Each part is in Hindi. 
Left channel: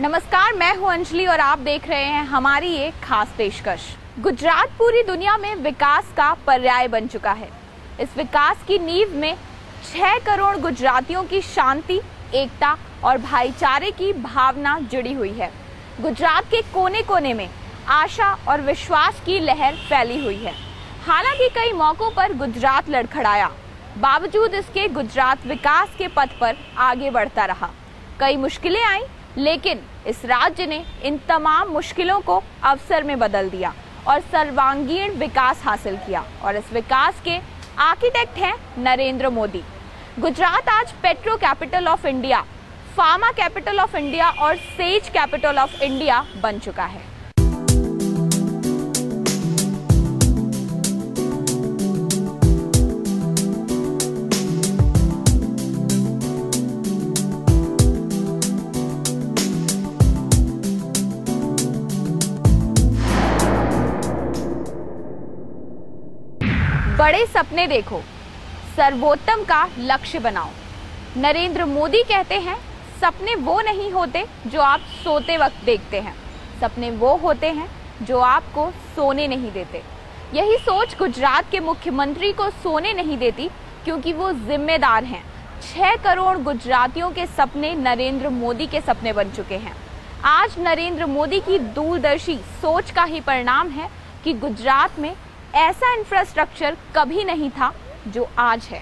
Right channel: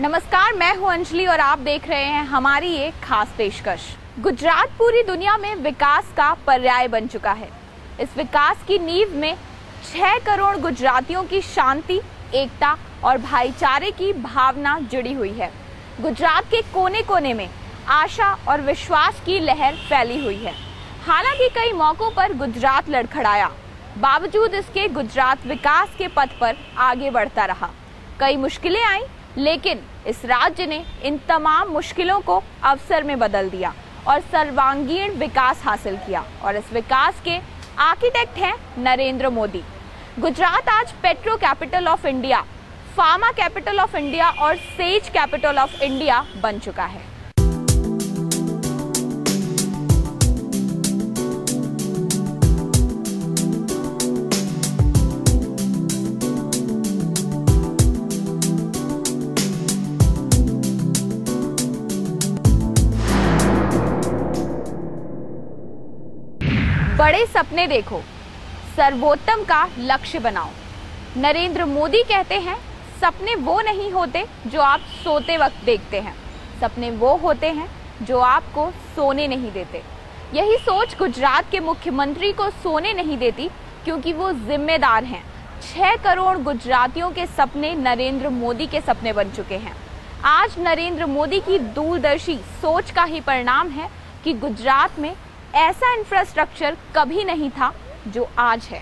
नमस्कार, मैं हूं अंजलि और आप देख रहे हैं हमारी एक खास पेशकश। गुजरात पूरी दुनिया में विकास का पर्याय बन चुका है। इस विकास की नींव में 6 करोड़ गुजरातियों की शांति, एकता और भाईचारे की भावना जुड़ी हुई है। गुजरात के कोने कोने में आशा और विश्वास की लहर फैली हुई है। हालांकि कई मौकों पर गुजरात लड़खड़ाया, बावजूद इसके गुजरात विकास के पथ पर आगे बढ़ता रहा। कई मुश्किलें आईं, लेकिन इस राज्य ने इन तमाम मुश्किलों को अवसर में बदल दिया और सर्वांगीण विकास हासिल किया। और इस विकास के आर्किटेक्ट हैं नरेंद्र मोदी। गुजरात आज petro capital of India, pharma capital of India और सेज कैपिटल ऑफ इंडिया बन चुका है। बड़े सपने देखो, सर्वोत्तम का लक्ष्य बनाओ। नरेंद्र मोदी कहते हैं, सपने वो नहीं होते जो आप सोते वक्त देखते हैं, सपने वो होते हैं जो आपको सोने नहीं देते। यही सोच गुजरात के मुख्यमंत्री को सोने नहीं देती, क्योंकि वो जिम्मेदार हैं। 6 करोड़ गुजरातियों के सपने नरेंद्र मोदी के सपने बन चुके हैं। आज नरेंद्र मोदी की दूरदर्शी सोच का ही परिणाम है कि गुजरात में ऐसा इंफ्रास्ट्रक्चर कभी नहीं था जो आज है।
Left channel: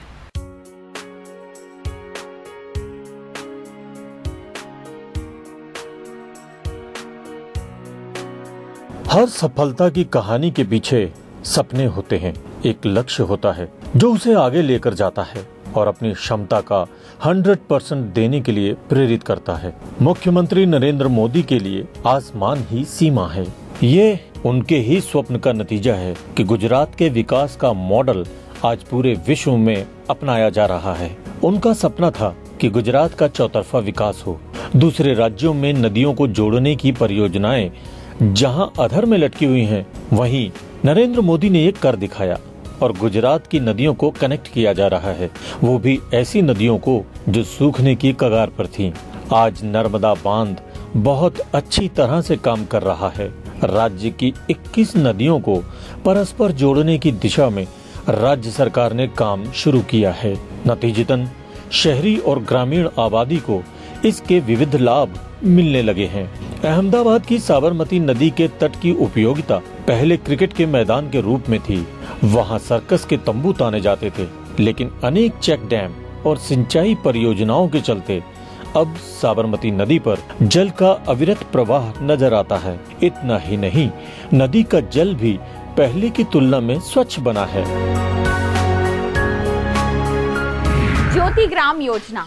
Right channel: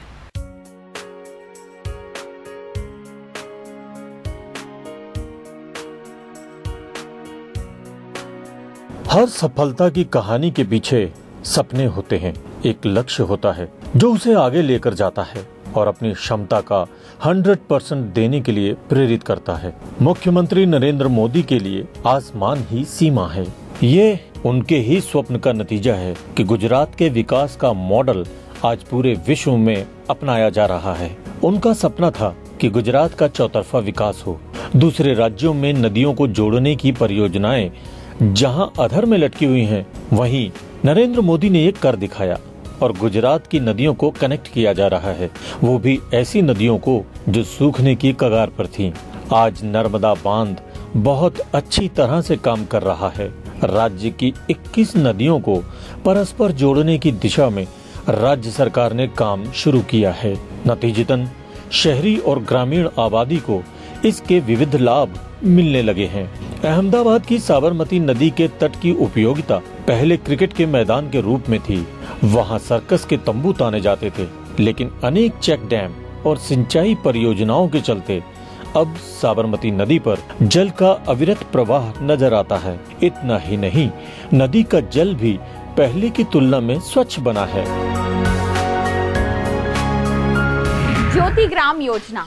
हर सफलता की कहानी के पीछे सपने होते हैं, एक लक्ष्य होता है जो उसे आगे लेकर जाता है और अपनी क्षमता का 100% देने के लिए प्रेरित करता है। मुख्यमंत्री नरेंद्र मोदी के लिए आसमान ही सीमा है। ये उनके ही स्वप्न का नतीजा है कि गुजरात के विकास का मॉडल आज पूरे विश्व में अपनाया जा रहा है। उनका सपना था कि गुजरात का चौतरफा विकास हो। दूसरे राज्यों में नदियों को जोड़ने की परियोजनाएं जहां अधर में लटकी हुई हैं, वहीं नरेंद्र मोदी ने एक कर दिखाया और गुजरात की नदियों को कनेक्ट किया जा रहा है, वो भी ऐसी नदियों को जो सूखने की कगार पर थीं। आज नर्मदा बांध बहुत अच्छी तरह से काम कर रहा है। राज्य की 21 नदियों को परस्पर जोड़ने की दिशा में राज्य सरकार ने काम शुरू किया है। नतीजतन शहरी और ग्रामीण आबादी को इसके विविध लाभ मिलने लगे हैं। अहमदाबाद की साबरमती नदी के तट की उपयोगिता पहले क्रिकेट के मैदान के रूप में थी। वहां सर्कस के तंबू ताने जाते थे, लेकिन अनेक चेक डैम और सिंचाई परियोजनाओं के चलते अब साबरमती नदी पर जल का अविरत प्रवाह नजर आता है। इतना ही नहीं, नदी का जल भी पहले की तुलना में स्वच्छ बना है। ज्योति ग्राम योजना,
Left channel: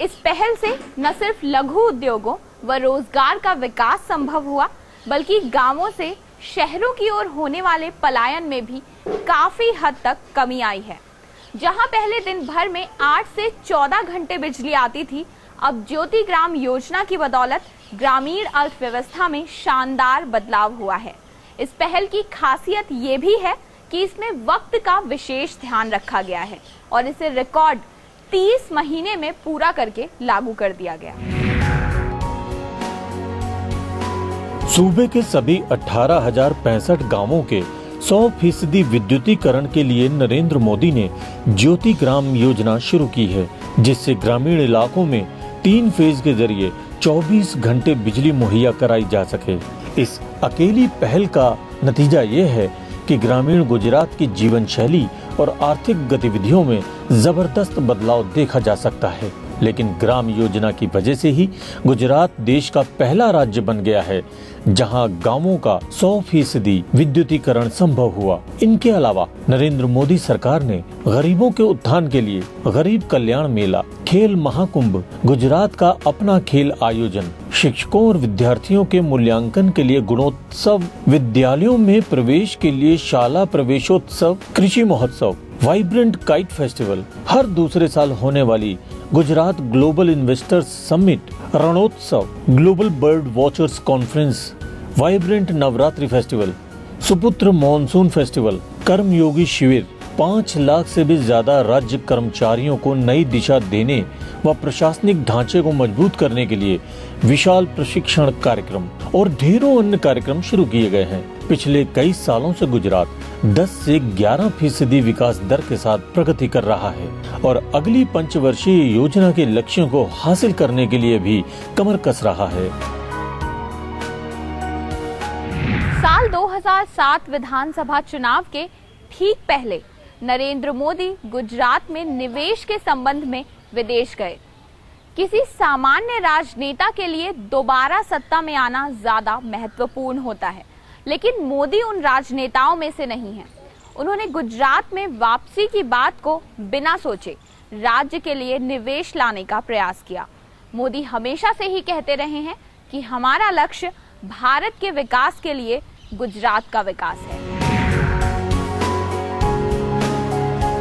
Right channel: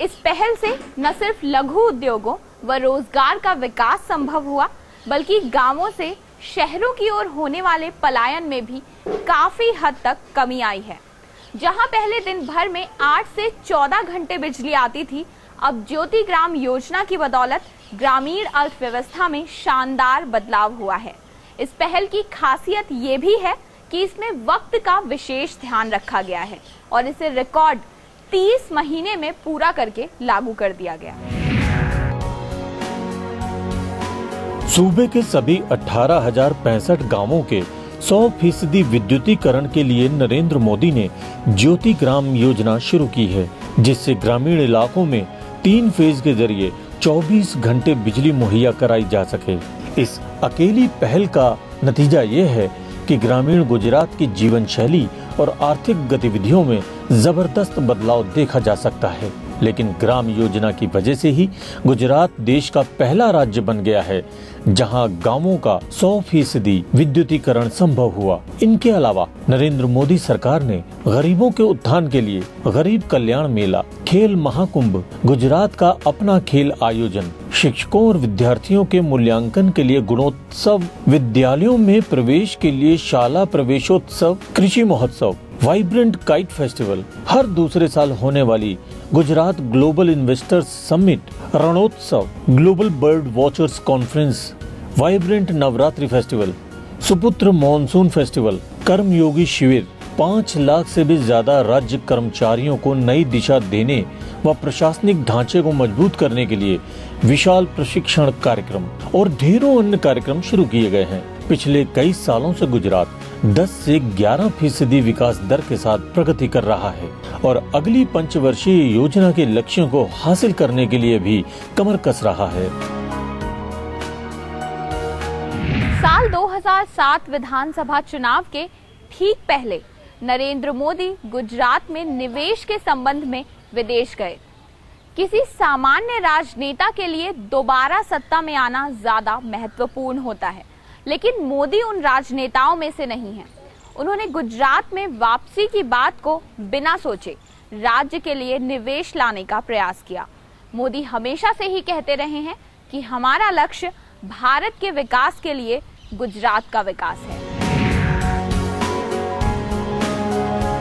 इस पहल से न सिर्फ लघु उद्योगों व रोजगार का विकास संभव हुआ, बल्कि गांवों से शहरों की ओर होने वाले पलायन में भी काफी हद तक कमी आई है। जहां पहले दिन भर में 8 से 14 घंटे बिजली आती थी, अब ज्योति ग्राम योजना की बदौलत ग्रामीण अर्थव्यवस्था में शानदार बदलाव हुआ है। इस पहल की खासियत ये भी है कि इसमें वक्त का विशेष ध्यान रखा गया है और इसे रिकॉर्ड 30 महीने में पूरा करके लागू कर दिया गया। सूबे के सभी 18,065 गांवों के 100% विद्युतीकरण के लिए नरेंद्र मोदी ने ज्योति ग्राम योजना शुरू की है, जिससे ग्रामीण इलाकों में 3 फेज के जरिए 24 घंटे बिजली मुहैया कराई जा सके। इस अकेली पहल का नतीजा ये है कि ग्रामीण गुजरात की जीवन शैली और आर्थिक गतिविधियों में जबरदस्त बदलाव देखा जा सकता है। लेकिन ग्राम योजना की वजह से ही गुजरात देश का पहला राज्य बन गया है जहां गांवों का 100% विद्युतीकरण संभव हुआ। इनके अलावा नरेंद्र मोदी सरकार ने गरीबों के उत्थान के लिए गरीब कल्याण मेला, खेल महाकुंभ, गुजरात का अपना खेल आयोजन, शिक्षकों और विद्यार्थियों के मूल्यांकन के लिए गुणोत्सव, विद्यालयों में प्रवेश के लिए शाला प्रवेशोत्सव, कृषि महोत्सव, वाइब्रेंट काइट फेस्टिवल, हर दूसरे साल होने वाली Gujarat global investors summit, Rannotsav, global bird watchers conference, vibrant Navratri festival, Saputara monsoon festival, Karmayogi Shivir, 5 lakh से भी ज्यादा राज्य कर्मचारियों को नई दिशा देने व प्रशासनिक ढांचे को मजबूत करने के लिए विशाल प्रशिक्षण कार्यक्रम और ढेरों अन्य कार्यक्रम शुरू किए गए हैं। पिछले कई सालों से गुजरात 10 से 11% विकास दर के साथ प्रगति कर रहा है और अगली पंचवर्षीय योजना के लक्ष्यों को हासिल करने के लिए भी कमर कस रहा है। साल 2007 विधानसभा चुनाव के ठीक पहले नरेंद्र मोदी गुजरात में निवेश के संबंध में विदेश गए। किसी सामान्य राजनेता के लिए दोबारा सत्ता में आना ज्यादा महत्वपूर्ण होता है, लेकिन मोदी उन राजनेताओं में से नहीं हैं। उन्होंने गुजरात में वापसी की बात को बिना सोचे राज्य के लिए निवेश लाने का प्रयास किया। मोदी हमेशा से ही कहते रहे हैं कि हमारा लक्ष्य भारत के विकास के लिए गुजरात का विकास है।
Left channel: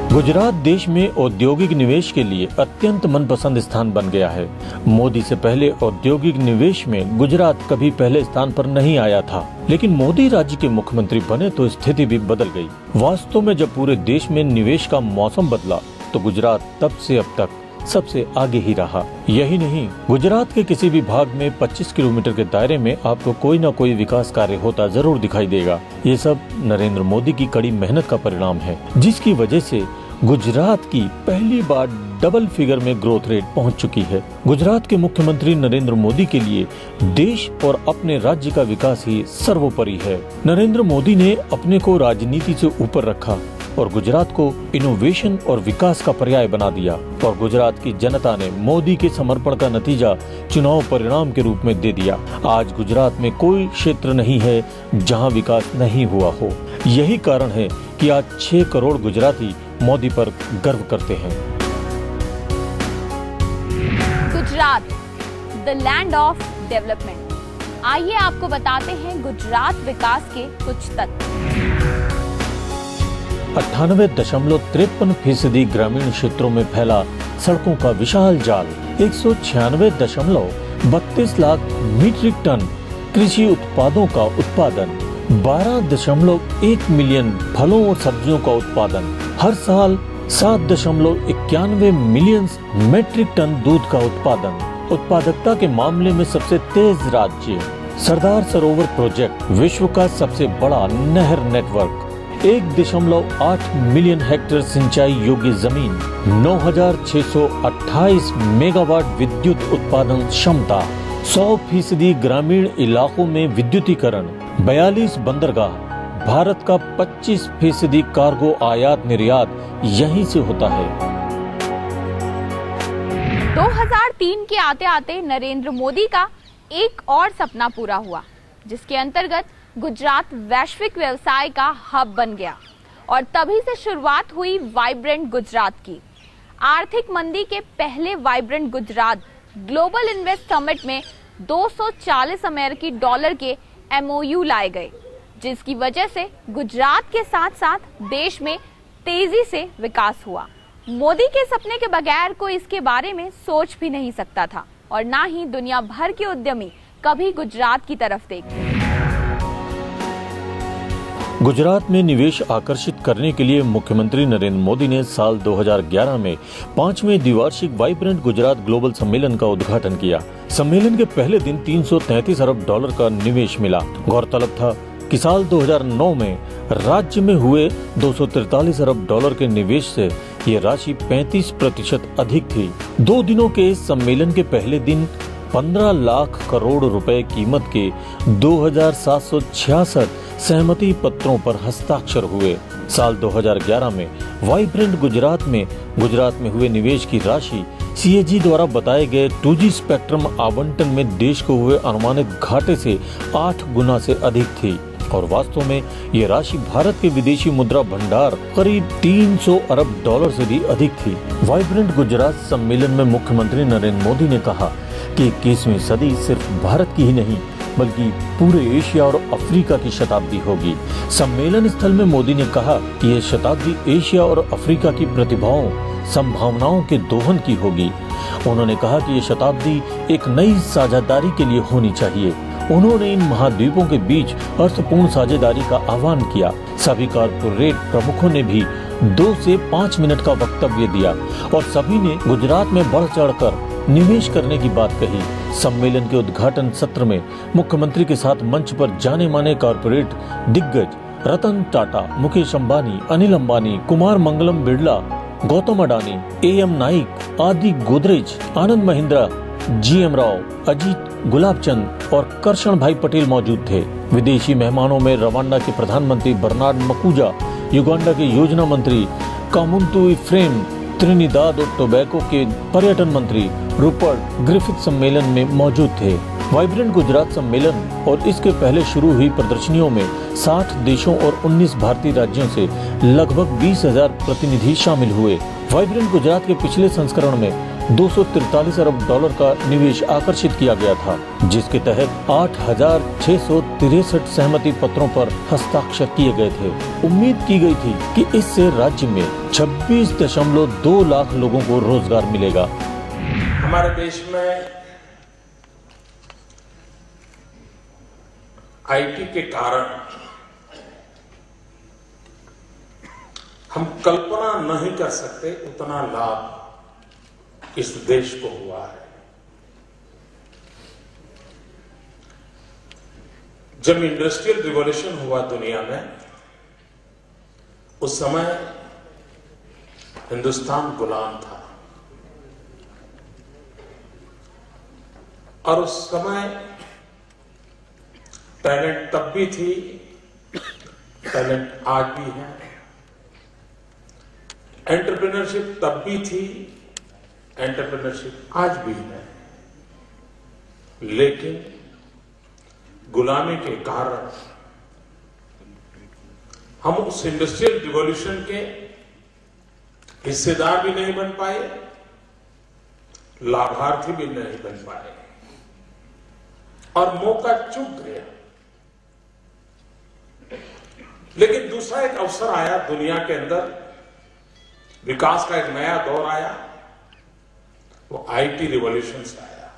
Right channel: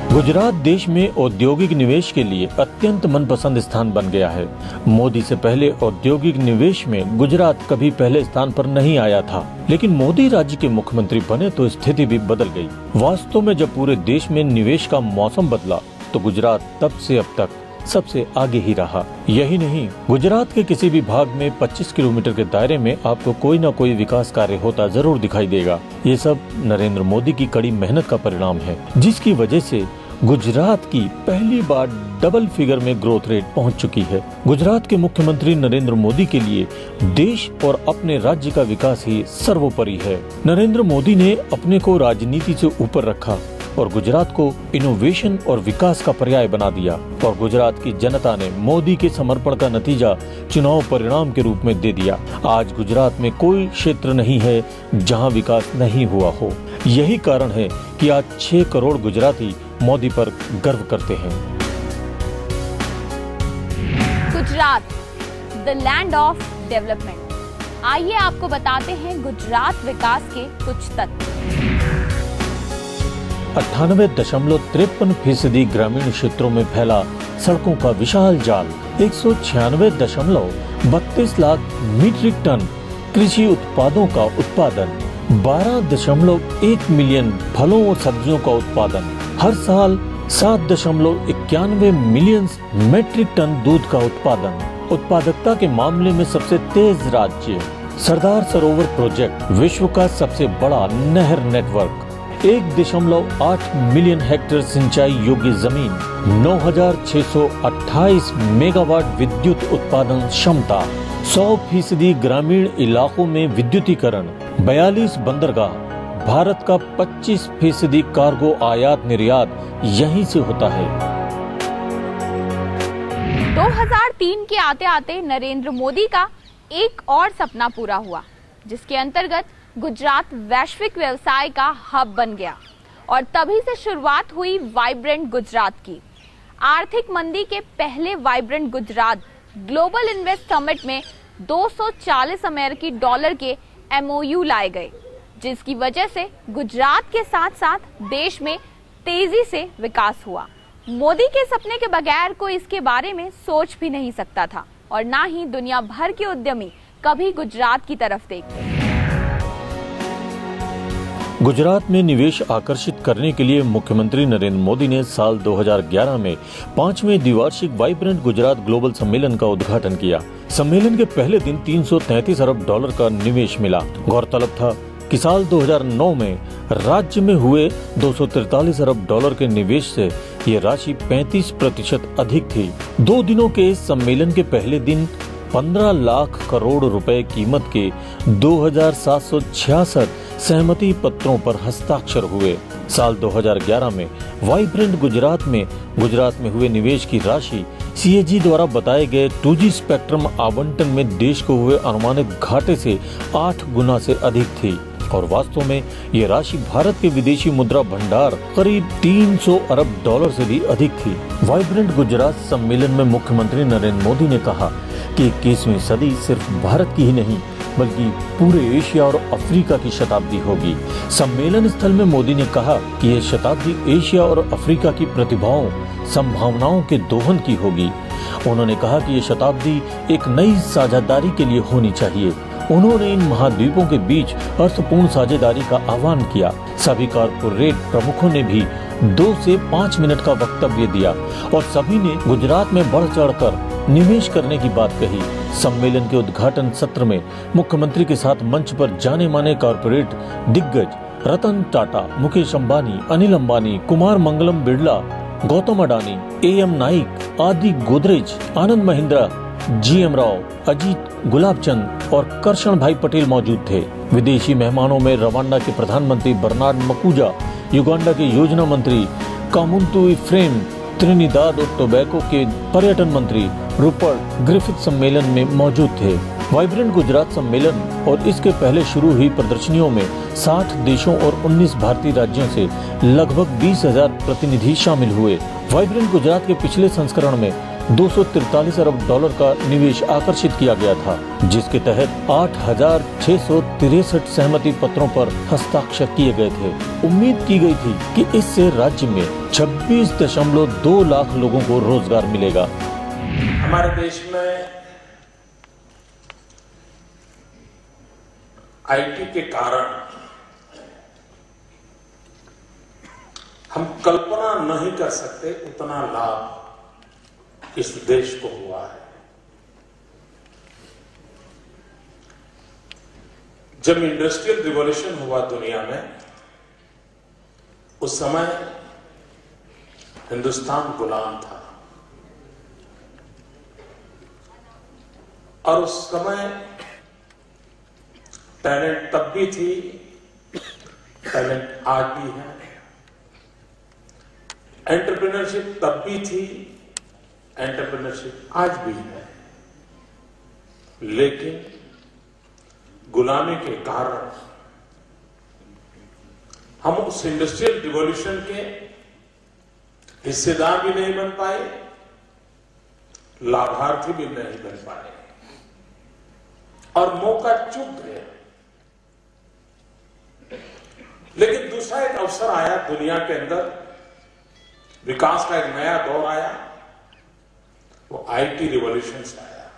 गुजरात देश में औद्योगिक निवेश के लिए अत्यंत मनपसंद स्थान बन गया है। मोदी से पहले औद्योगिक निवेश में गुजरात कभी पहले स्थान पर नहीं आया था, लेकिन मोदी राज्य के मुख्यमंत्री बने तो स्थिति भी बदल गई। वास्तव में जब पूरे देश में निवेश का मौसम बदला तो गुजरात तब से अब तक सबसे आगे ही रहा। यही नहीं, गुजरात के किसी भी भाग में 25 किलोमीटर के दायरे में आपको कोई न कोई विकास कार्य होता जरूर दिखाई देगा। ये सब नरेंद्र मोदी की कड़ी मेहनत का परिणाम है, जिसकी वजह से गुजरात की पहली बार डबल फिगर में ग्रोथ रेट पहुंच चुकी है। गुजरात के मुख्यमंत्री नरेंद्र मोदी के लिए देश और अपने राज्य का विकास ही सर्वोपरि है। नरेंद्र मोदी ने अपने को राजनीति से ऊपर रखा और गुजरात को इनोवेशन और विकास का पर्याय बना दिया और गुजरात की जनता ने मोदी के समर्पण का नतीजा चुनाव परिणाम के रूप में दे दिया। आज गुजरात में कोई क्षेत्र नहीं है जहां विकास नहीं हुआ हो। यही कारण है कि आज 6 करोड़ गुजराती मोदी पर गर्व करते हैं। Gujarat, the land of development. आइए आपको बताते हैं गुजरात विकास के कुछ तथ्य। 98.53% ग्रामीण क्षेत्रों में फैला सड़कों का विशाल जाल, 196.32 लाख मीट्रिक टन कृषि उत्पादों का उत्पादन, 12.1 मिलियन फलों और सब्जियों का उत्पादन, हर साल 7.91 मिलियन मीट्रिक टन दूध का उत्पादन, उत्पादकता के मामले में सबसे तेज राज्य, सरदार सरोवर प्रोजेक्ट, विश्व का सबसे बड़ा नहर नेटवर्क, 1.8 मिलियन हेक्टेयर सिंचाई योग्य जमीन, 9,628 मेगावाट विद्युत उत्पादन क्षमता, 100% ग्रामीण इलाकों में विद्युतीकरण, 42 बंदरगाह, भारत का 25% कार्गो आयात निर्यात यहीं से होता है। 2003 के आते आते नरेंद्र मोदी का एक और सपना पूरा हुआ, जिसके अंतर्गत गुजरात वैश्विक व्यवसाय का हब बन गया और तभी से शुरुआत हुई वाइब्रेंट गुजरात की। आर्थिक मंदी के पहले vibrant Gujarat global invest summit में 240 अमेरिकी डॉलर के MOU लाए गए, जिसकी वजह से गुजरात के साथ साथ देश में तेजी से विकास हुआ। मोदी के सपने के बगैर कोई इसके बारे में सोच भी नहीं सकता था और ना ही दुनिया भर के उद्यमी कभी गुजरात की तरफ देखते। गुजरात में निवेश आकर्षित करने के लिए मुख्यमंत्री नरेंद्र मोदी ने साल 2011 में 5वें द्विवार्षिक वाइब्रेंट गुजरात ग्लोबल सम्मेलन का उद्घाटन किया। सम्मेलन के पहले दिन 333 अरब डॉलर का निवेश मिला। गौरतलब था कि साल 2009 में राज्य में हुए 243 अरब डॉलर के निवेश से ये राशि 35% अधिक थी। 2 दिनों के इस सम्मेलन के पहले दिन 15 लाख करोड़ रुपए कीमत के 2,766 सहमति पत्रों पर हस्ताक्षर हुए। साल 2011 में वाइब्रेंट गुजरात में हुए निवेश की राशि CAG द्वारा बताए गए 2G स्पेक्ट्रम आवंटन में देश को हुए अनुमानित घाटे से 8 गुना से अधिक थी और वास्तव में ये राशि भारत के विदेशी मुद्रा भंडार करीब 300 अरब डॉलर से भी अधिक थी। वाइब्रेंट गुजरात सम्मेलन में मुख्यमंत्री नरेंद्र मोदी ने कहा कि 21वीं सदी सिर्फ भारत की ही नहीं बल्कि पूरे एशिया और अफ्रीका की शताब्दी होगी। सम्मेलन स्थल में मोदी ने कहा कि यह शताब्दी एशिया और अफ्रीका की प्रतिभाओं, संभावनाओं के दोहन की होगी। उन्होंने कहा कि ये शताब्दी एक नई साझेदारी के लिए होनी चाहिए। उन्होंने इन महाद्वीपों के बीच अर्थपूर्ण साझेदारी का आह्वान किया। सभी कारपोरेट प्रमुखों ने भी 2 से 5 मिनट का वक्तव्य दिया और सभी ने गुजरात में बढ़ चढ़कर निवेश करने की बात कही। सम्मेलन के उद्घाटन सत्र में मुख्यमंत्री के साथ मंच पर जाने माने कॉर्पोरेट दिग्गज रतन टाटा, मुकेश अंबानी, अनिल अंबानी, कुमार मंगलम बिरला, गौतम अडानी, AM नाइक, आदि गोदरेज, आनंद महिंद्रा, GM राव, अजीत गुलाबचंद और करशन भाई पटेल मौजूद थे। विदेशी मेहमानों में रवांडा के प्रधानमंत्री बर्नार्ड मकूजा, युगांडा के योजना मंत्री कामुंतु इफ्रेम, त्रिनिदाद और टोबैको के पर्यटन मंत्री रूपर्ट ग्रिफिथ सम्मेलन में मौजूद थे। वाइब्रेंट गुजरात सम्मेलन और इसके पहले शुरू हुई प्रदर्शनियों में 60 देशों और 19 भारतीय राज्यों से लगभग 20,000 प्रतिनिधि शामिल हुए। वाइब्रेंट गुजरात के पिछले संस्करण में 243 अरब डॉलर का निवेश आकर्षित किया गया था, जिसके तहत 8,663 सहमति पत्रों पर हस्ताक्षर किए गए थे। उम्मीद की गई थी कि इससे राज्य में 26.2 लाख लोगों को रोजगार मिलेगा। हमारे देश में IT के कारण हम कल्पना नहीं कर सकते उतना लाभ इस देश को हुआ है। जब इंडस्ट्रियल रिवॉल्यूशन हुआ दुनिया में, उस समय हिंदुस्तान गुलाम था और उस समय टैलेंट तब भी थी, टैलेंट आज भी है। एंटरप्रेन्योरशिप तब भी थी, एंटरप्रेन्योरशिप आज भी है। लेकिन गुलामी के कारण हम उस इंडस्ट्रियल रिवॉल्यूशन के हिस्सेदार भी नहीं बन पाए, लाभार्थी भी नहीं बन पाए और मौका चूक गया। लेकिन दूसरा एक अवसर आया दुनिया के अंदर, विकास का एक नया दौर आया, वो IT रिवॉल्यूशन से आया।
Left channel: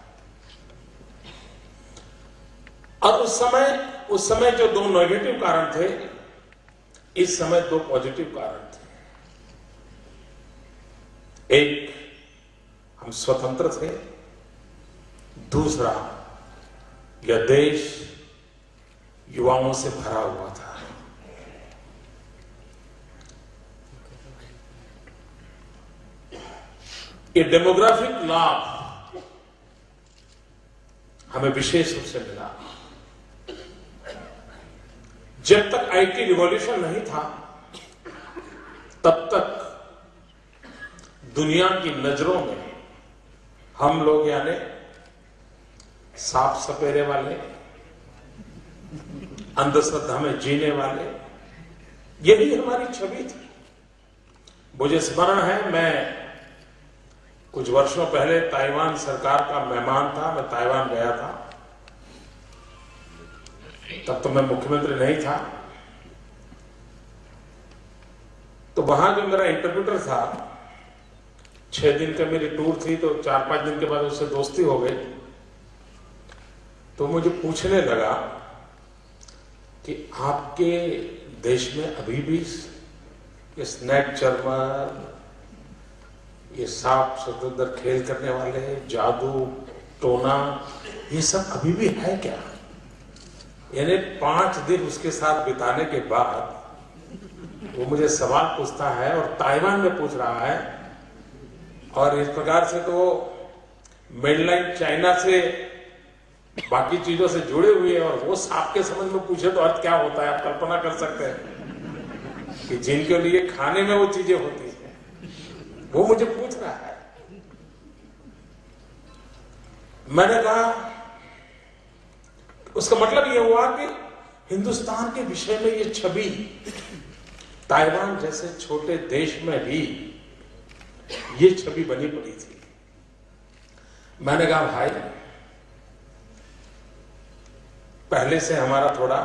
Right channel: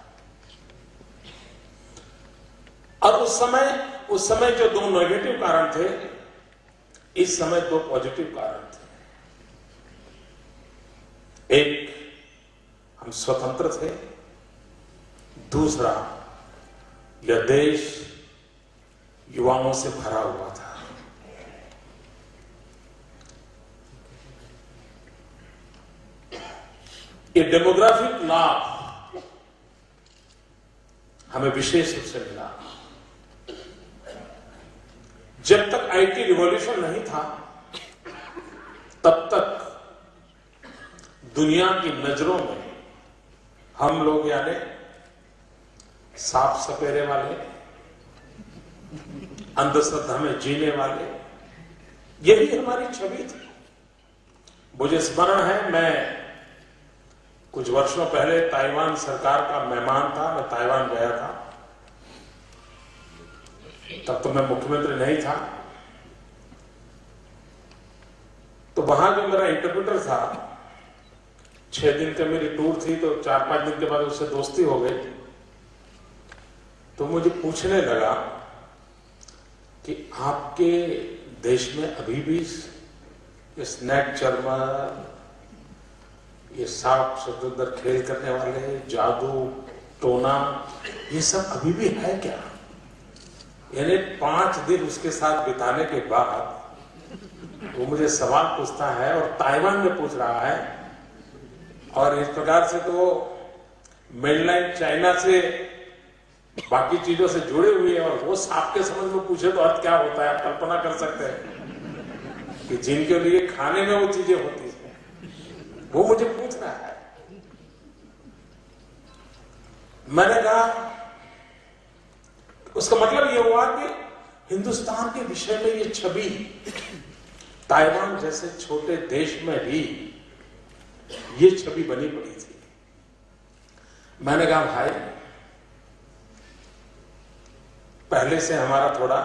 और उस समय जो 2 नेगेटिव कारण थे, इस समय 2 पॉजिटिव कारण थे। एक, हम स्वतंत्र थे। दूसरा, यह देश युवाओं से भरा हुआ था। ये डेमोग्राफिक लाभ हमें विशेष रूप से मिला। जब तक IT रिवॉल्यूशन नहीं था, तब तक दुनिया की नजरों में हम लोग यानी साफ सपेरे वाले, अंधश्रद्धा में जीने वाले, यही हमारी छवि थी। मुझे स्मरण है, मैं कुछ वर्षों पहले ताइवान सरकार का मेहमान था। मैं ताइवान गया था, तब तो मैं मुख्यमंत्री नहीं था। तो वहां जो मेरा इंटरप्रेटर था, 6 दिन का मेरी टूर थी, तो 4-5 दिन के बाद उससे दोस्ती हो गई। तो मुझे पूछने लगा कि आपके देश में अभी भी ये स्नैक चरमर, ये सांप समुद्र खेल करने वाले, जादू टोना, ये सब अभी भी है क्या? यानी 5 दिन उसके साथ बिताने के बाद वो मुझे सवाल पूछता है और ताइवान में पूछ रहा है। और इस प्रकार से तो मेनलैंड चाइना से बाकी चीजों से जुड़े हुए हैं, और वो सांप के समझ में पूछे तो अर्थ क्या होता है, आप कल्पना कर सकते हैं कि जिनके लिए खाने में वो चीजें होती है, वो मुझे पूछ रहा है। मैंने कहा, उसका मतलब ये हुआ कि हिंदुस्तान के विषय में ये छवि ताइवान जैसे छोटे देश में भी ये छवि बनी पड़ी थी। मैंने कहा, भाई पहले से हमारा थोड़ा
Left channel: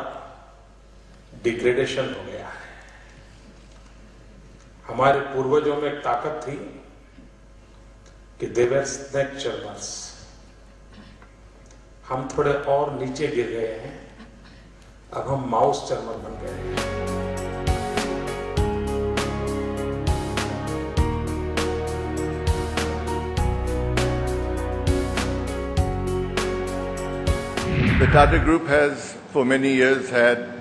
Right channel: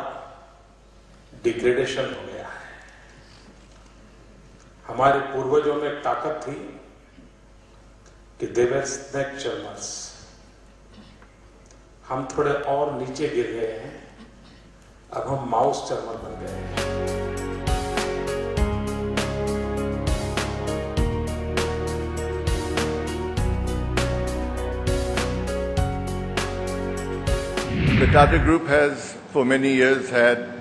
डिग्रेडेशन हो गया है। हमारे पूर्वजों में एक ताकत थी कि दे वर स्नैक चरमर्स। हम थोड़े और नीचे गिर गए हैं, अब हम माउस चरमर बन गए हैं। The Tata Group has for many years had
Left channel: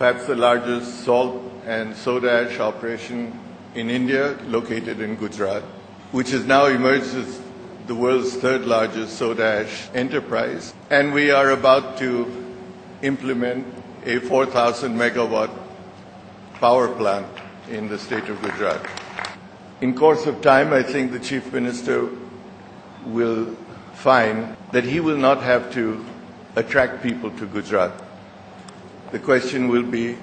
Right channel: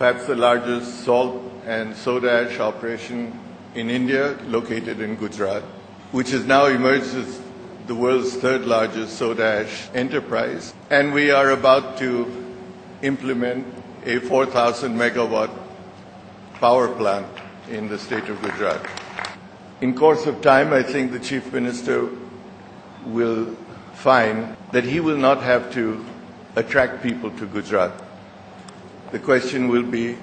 perhaps the largest salt and soda ash operation in India, located in Gujarat, which has now emerged as the world's third largest soda ash enterprise. And we are about to implement a 4,000 megawatt power plant in the state of Gujarat. In course of time, I think the Chief Minister will find that he will not have to attract people to Gujarat. The question will be,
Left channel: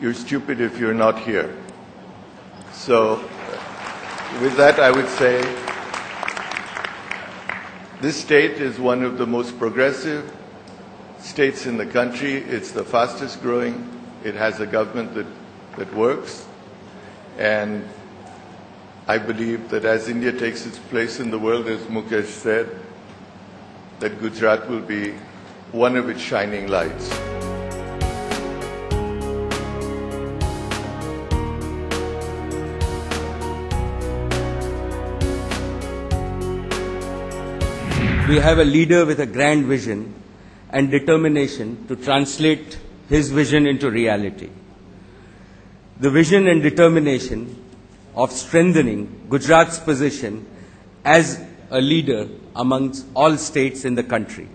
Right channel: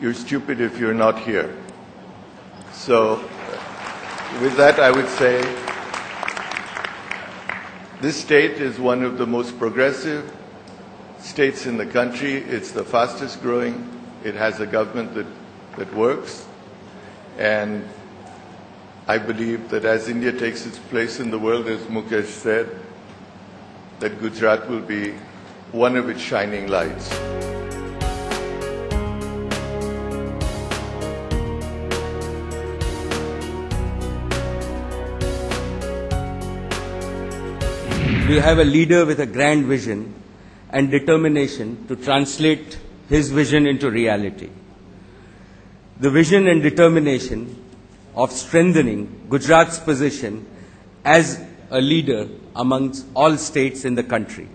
you're stupid if you're not here. So, with that, I would say this state is one of the most progressive states in the country. It's the fastest growing. It has a government that works. And I believe that as India takes its place in the world, as Mukesh said, that Gujarat will be one of its shining lights. We have a leader with a grand vision and determination to translate his vision into reality. The vision and determination of strengthening Gujarat's position as a leader amongst all states in the country.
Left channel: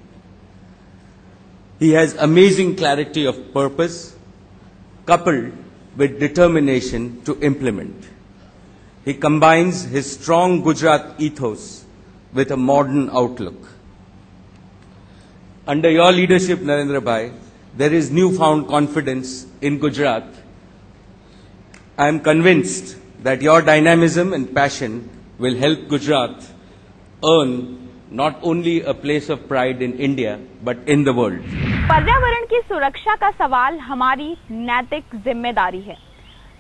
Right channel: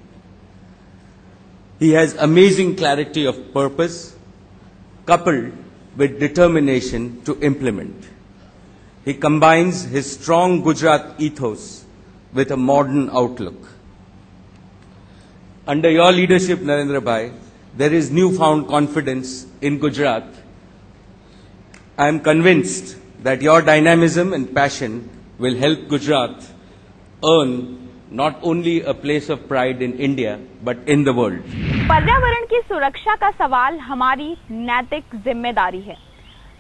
He has amazing clarity of purpose, coupled with determination to implement. He combines his strong Gujarat ethos with a modern outlook. Under your leadership, Narendra Bhai, there is newfound confidence in Gujarat. I am convinced that your dynamism and passion will help Gujarat earn not only a place of pride in India, but in the world. पर्यावरण की सुरक्षा का सवाल हमारी नैतिक जिम्मेदारी है,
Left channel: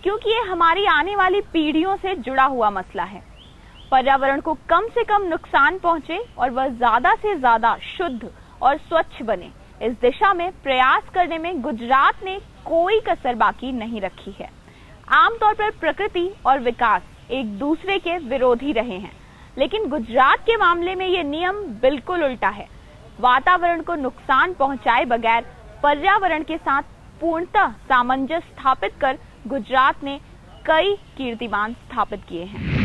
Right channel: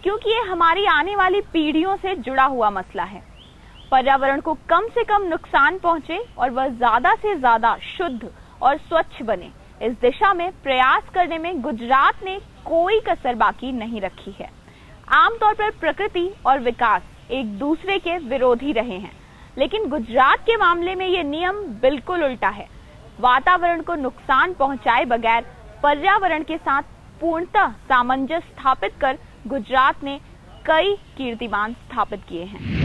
क्योंकि ये हमारी आने वाली पीढ़ियों से जुड़ा हुआ मसला है। पर्यावरण को कम से कम नुकसान पहुंचे और वह ज्यादा से ज्यादा शुद्ध और स्वच्छ बने, इस दिशा में प्रयास करने में गुजरात ने कोई कसर बाकी नहीं रखी है। आमतौर पर प्रकृति और विकास एक दूसरे के विरोधी रहे हैं, लेकिन गुजरात के मामले में ये नियम बिल्कुल उल्टा है। वातावरण को नुकसान पहुंचाए बगैर पर्यावरण के साथ पूर्णतः सामंजस्य स्थापित कर गुजरात ने कई कीर्तिमान स्थापित किए हैं।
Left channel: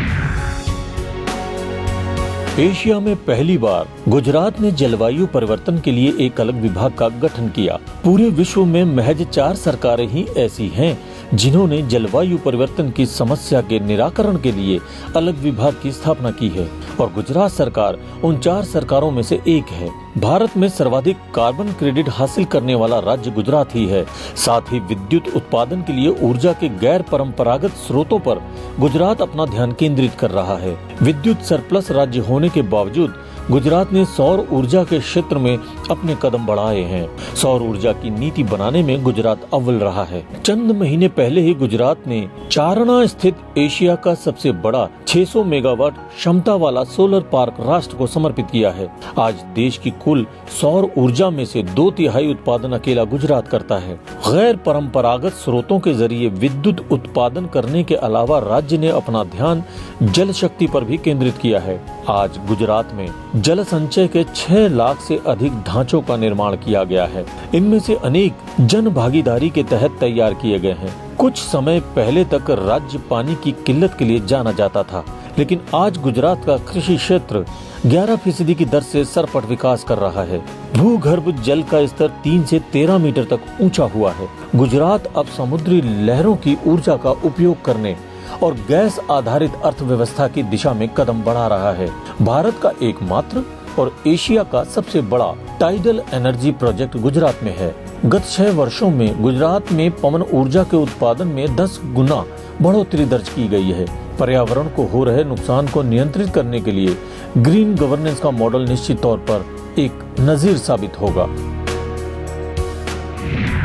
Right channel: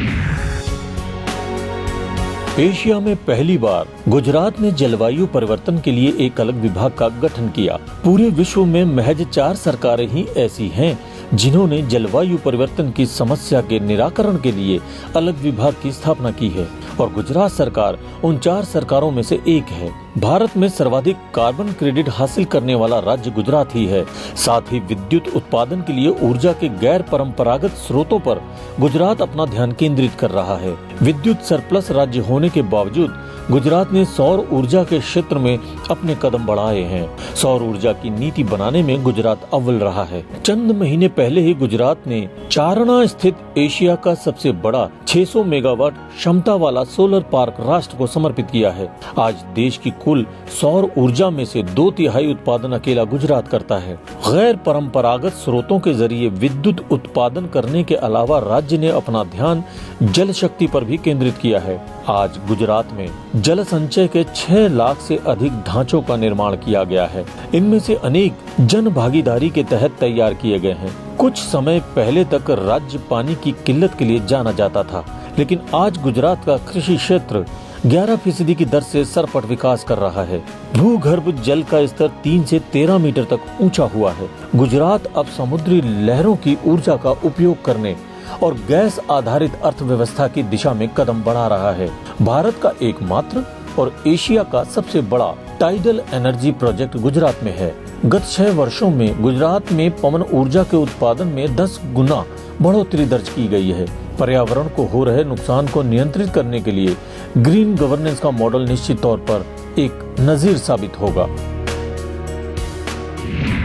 एशिया में पहली बार गुजरात ने जलवायु परिवर्तन के लिए एक अलग विभाग का गठन किया। पूरे विश्व में महज 4 सरकारें ही ऐसी हैं जिन्होंने जलवायु परिवर्तन की समस्या के निराकरण के लिए अलग विभाग की स्थापना की है, और गुजरात सरकार उन 4 सरकारों में से एक है। भारत में सर्वाधिक कार्बन क्रेडिट हासिल करने वाला राज्य गुजरात ही है। साथ ही विद्युत उत्पादन के लिए ऊर्जा के गैर परंपरागत स्रोतों पर गुजरात अपना ध्यान केंद्रित कर रहा है। विद्युत सरप्लस राज्य होने के बावजूद गुजरात ने सौर ऊर्जा के क्षेत्र में अपने कदम बढ़ाए हैं। सौर ऊर्जा की नीति बनाने में गुजरात अव्वल रहा है। चंद महीने पहले ही गुजरात ने चारणा स्थित एशिया का सबसे बड़ा 600 मेगावाट क्षमता वाला सोलर पार्क राष्ट्र को समर्पित किया है। आज देश की कुल सौर ऊर्जा में से 2/3 उत्पादन अकेला गुजरात करता है। गैर परंपरागत स्रोतों के जरिए विद्युत उत्पादन करने के अलावा राज्य ने अपना ध्यान जल शक्ति पर भी केंद्रित किया है। आज गुजरात में जल संचय के 6 लाख से अधिक ढांचों का निर्माण किया गया है। इनमें से अनेक जन भागीदारी के तहत तैयार किए गए हैं। कुछ समय पहले तक राज्य पानी की किल्लत के लिए जाना जाता था, लेकिन आज गुजरात का कृषि क्षेत्र 11% की दर से सरपट विकास कर रहा है। भूगर्भ जल का स्तर 3 से 13 मीटर तक ऊंचा हुआ है। गुजरात अब समुद्री लहरों की ऊर्जा का उपयोग करने और गैस आधारित अर्थव्यवस्था की दिशा में कदम बढ़ा रहा है। भारत का एकमात्र और एशिया का सबसे बड़ा टाइडल एनर्जी प्रोजेक्ट गुजरात में है। गत 6 वर्षों में गुजरात में पवन ऊर्जा के उत्पादन में 10 गुना बढ़ोतरी दर्ज की गई है। पर्यावरण को हो रहे नुकसान को नियंत्रित करने के लिए ग्रीन गवर्नेंस का मॉडल निश्चित तौर पर एक नजीर साबित होगा।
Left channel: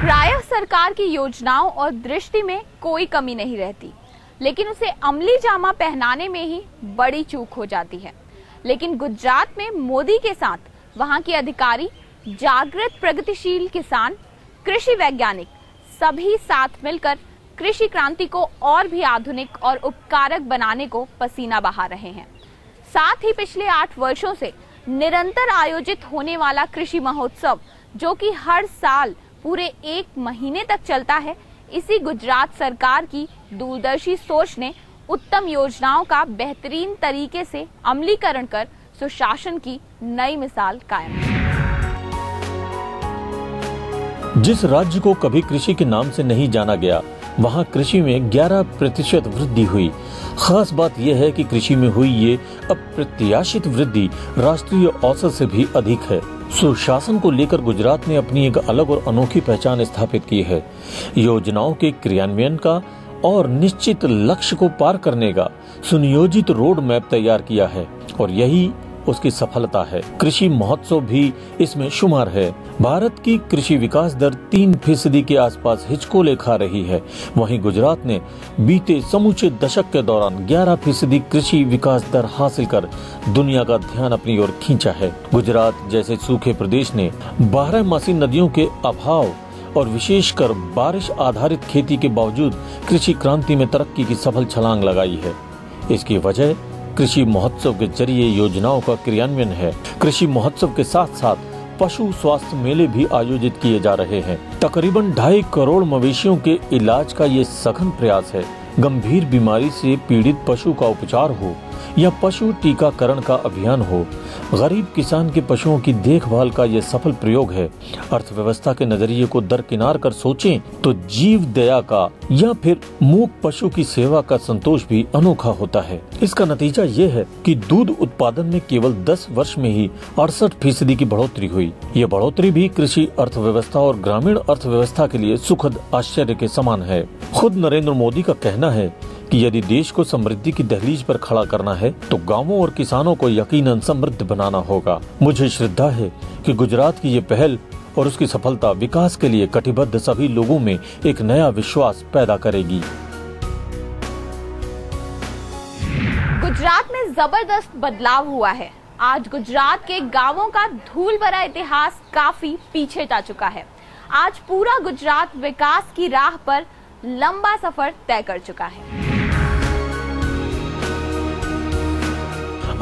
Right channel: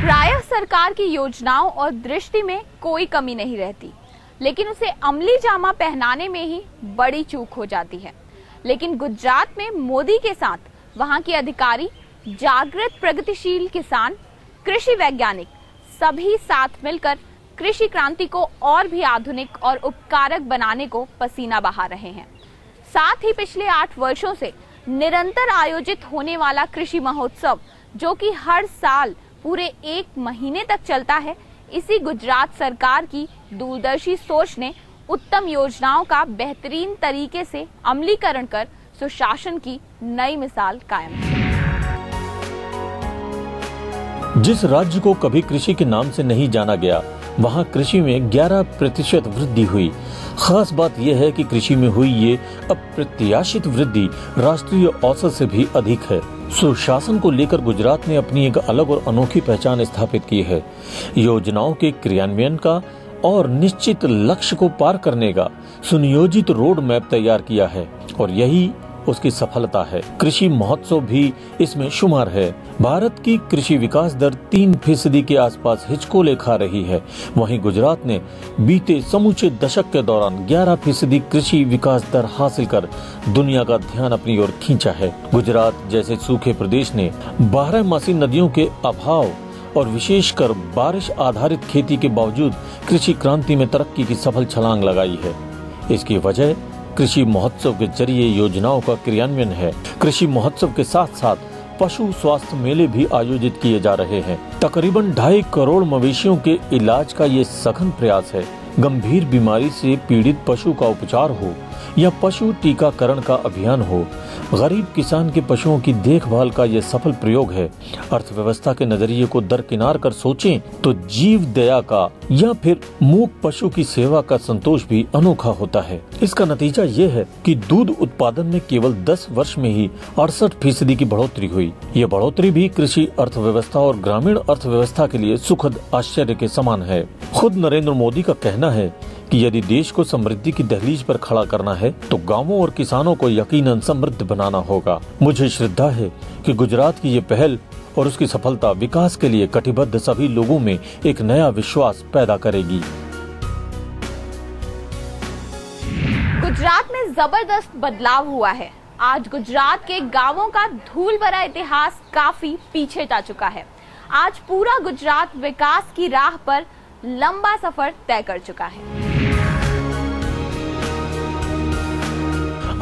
प्रायः सरकार की योजनाओं और दृष्टि में कोई कमी नहीं रहती, लेकिन उसे अमली जामा पहनाने में ही बड़ी चूक हो जाती है। लेकिन गुजरात में मोदी के साथ वहां के अधिकारी, जागृत प्रगतिशील किसान, कृषि वैज्ञानिक सभी साथ मिलकर कृषि क्रांति को और भी आधुनिक और उपकारक बनाने को पसीना बहा रहे हैं। साथ ही पिछले 8 वर्षों से निरंतर आयोजित होने वाला कृषि महोत्सव, जो कि हर साल पूरे 1 महीने तक चलता है, इसी गुजरात सरकार की दूरदर्शी सोच ने उत्तम योजनाओं का बेहतरीन तरीके से अमलीकरण कर सुशासन की नई मिसाल कायम की। जिस राज्य को कभी कृषि के नाम से नहीं जाना गया, वहां कृषि में 11% वृद्धि हुई। खास बात यह है कि कृषि में हुई ये अप्रत्याशित वृद्धि राष्ट्रीय औसत से भी अधिक है। सुशासन को लेकर गुजरात ने अपनी एक अलग और अनोखी पहचान स्थापित की है। योजनाओं के क्रियान्वयन का और निश्चित लक्ष्य को पार करने का सुनियोजित रोड मैप तैयार किया है और यही उसकी सफलता है। कृषि महोत्सव भी इसमें शुमार है। भारत की कृषि विकास दर 3% के आसपास हिचकोले खा रही है। वहीं गुजरात ने बीते समूचे दशक के दौरान 11% कृषि विकास दर हासिल कर दुनिया का ध्यान अपनी ओर खींचा है। गुजरात जैसे सूखे प्रदेश ने 12मासी नदियों के अभाव और विशेषकर बारिश आधारित खेती के बावजूद कृषि क्रांति में तरक्की की सफल छलांग लगाई है। इसकी वजह कृषि महोत्सव के जरिए योजनाओं का क्रियान्वयन है। कृषि महोत्सव के साथ साथ पशु स्वास्थ्य मेले भी आयोजित किए जा रहे हैं। तकरीबन 2.5 करोड़ मवेशियों के इलाज का ये सघन प्रयास है। गंभीर बीमारी से पीड़ित पशु का उपचार हो या पशु टीकाकरण का अभियान हो, गरीब किसान के पशुओं की देखभाल का ये सफल प्रयोग है। अर्थव्यवस्था के नजरिए को दरकिनार कर सोचें तो जीव दया का या फिर मूक पशु की सेवा का संतोष भी अनोखा होता है। इसका नतीजा ये है कि दूध उत्पादन में केवल 10 वर्ष में ही 68% की बढ़ोतरी हुई। ये बढ़ोतरी भी कृषि अर्थव्यवस्था और ग्रामीण अर्थव्यवस्था के लिए सुखद आश्चर्य के समान है। खुद नरेंद्र मोदी का कहना है कि यदि देश को समृद्धि की दहलीज पर खड़ा करना है तो गांवों और किसानों को यकीनन समृद्ध बनाना होगा। मुझे श्रद्धा है कि गुजरात की ये पहल और उसकी सफलता विकास के लिए कटिबद्ध सभी लोगों में एक नया विश्वास पैदा करेगी। गुजरात में जबरदस्त बदलाव हुआ है। आज गुजरात के गांवों का धूल भरा इतिहास काफी पीछे जा चुका है। आज पूरा गुजरात विकास की राह पर लंबा सफर तय कर चुका है।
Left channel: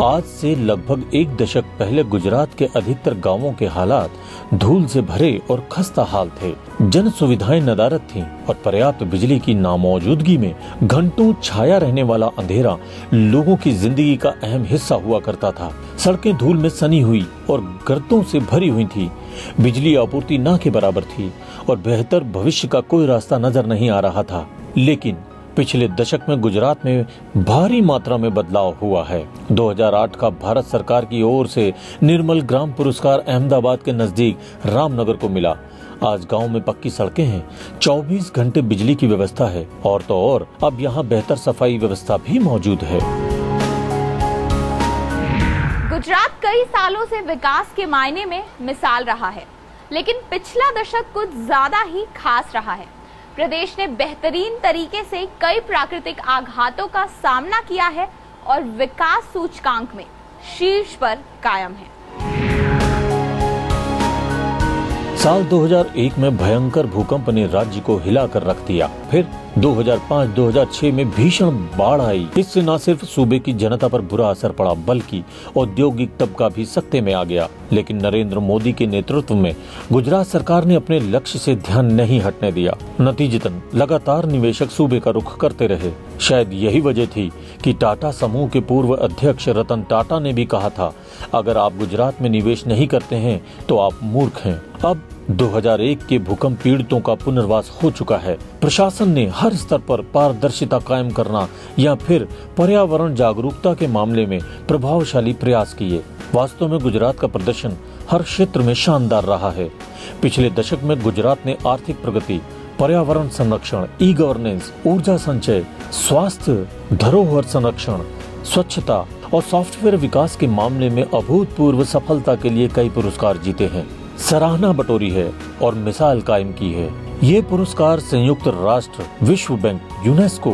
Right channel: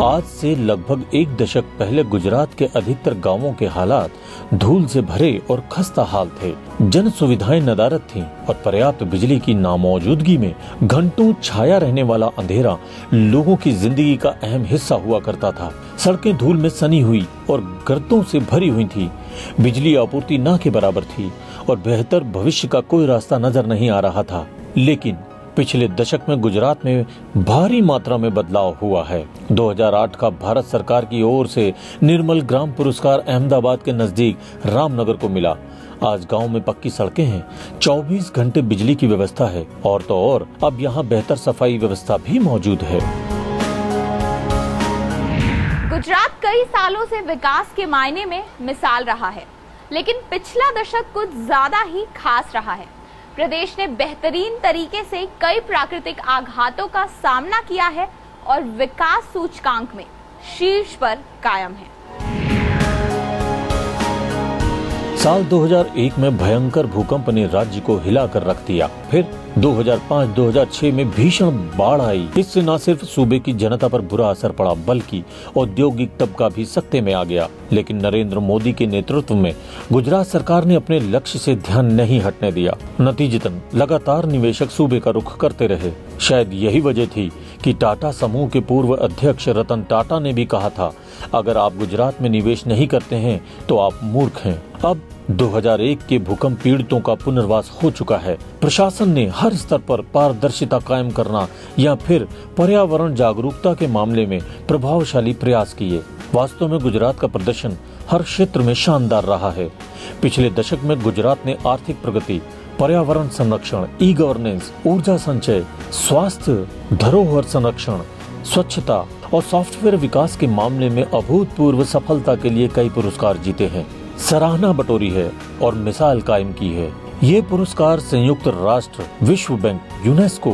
आज से लगभग 1 दशक पहले गुजरात के अधिकतर गांवों के हालात धूल से भरे और खस्ता हाल थे। जन सुविधाएं नदारद थीं और पर्याप्त बिजली की नामौजूदगी में घंटों छाया रहने वाला अंधेरा लोगों की जिंदगी का अहम हिस्सा हुआ करता था। सड़कें धूल में सनी हुई और गर्तों से भरी हुई थी। बिजली आपूर्ति ना के बराबर थी और बेहतर भविष्य का कोई रास्ता नजर नहीं आ रहा था। लेकिन पिछले दशक में गुजरात में भारी मात्रा में बदलाव हुआ है। 2008 का भारत सरकार की ओर से निर्मल ग्राम पुरस्कार अहमदाबाद के नजदीक रामनगर को मिला। आज गांव में पक्की सड़कें हैं, 24 घंटे बिजली की व्यवस्था है और तो और अब यहां बेहतर सफाई व्यवस्था भी मौजूद है। गुजरात कई सालों से विकास के मायने में मिसाल रहा है, लेकिन पिछला दशक कुछ ज्यादा ही खास रहा है। प्रदेश ने बेहतरीन तरीके से कई प्राकृतिक आघातों का सामना किया है और विकास सूचकांक में शीर्ष पर कायम है। साल 2001 में भयंकर भूकंप ने राज्य को हिलाकर रख दिया। फिर 2005-2006 में भीषण बाढ़ आई। इससे न सिर्फ सूबे की जनता पर बुरा असर पड़ा बल्कि औद्योगिक तबका भी सकते में आ गया। लेकिन नरेंद्र मोदी के नेतृत्व में गुजरात सरकार ने अपने लक्ष्य से ध्यान नहीं हटने दिया। नतीजतन लगातार निवेशक सूबे का रुख करते रहे। शायद यही वजह थी कि टाटा समूह के पूर्व अध्यक्ष रतन टाटा ने भी कहा था, अगर आप गुजरात में निवेश नहीं करते हैं तो आप मूर्ख हैं। अब 2001 के भूकंप पीड़ितों का पुनर्वास हो चुका है। प्रशासन ने हर स्तर पर पारदर्शिता कायम करना या फिर पर्यावरण जागरूकता के मामले में प्रभावशाली प्रयास किए। वास्तव में गुजरात का प्रदर्शन हर क्षेत्र में शानदार रहा है। पिछले दशक में गुजरात ने आर्थिक प्रगति, पर्यावरण संरक्षण, ई गवर्नेंस, ऊर्जा संचय, स्वास्थ्य, धरोहर संरक्षण, स्वच्छता और सॉफ्टवेयर विकास के मामले में अभूतपूर्व सफलता के लिए कई पुरस्कार जीते हैं, सराहना बटोरी है और मिसाल कायम की है। ये पुरस्कार संयुक्त राष्ट्र, विश्व बैंक, यूनेस्को,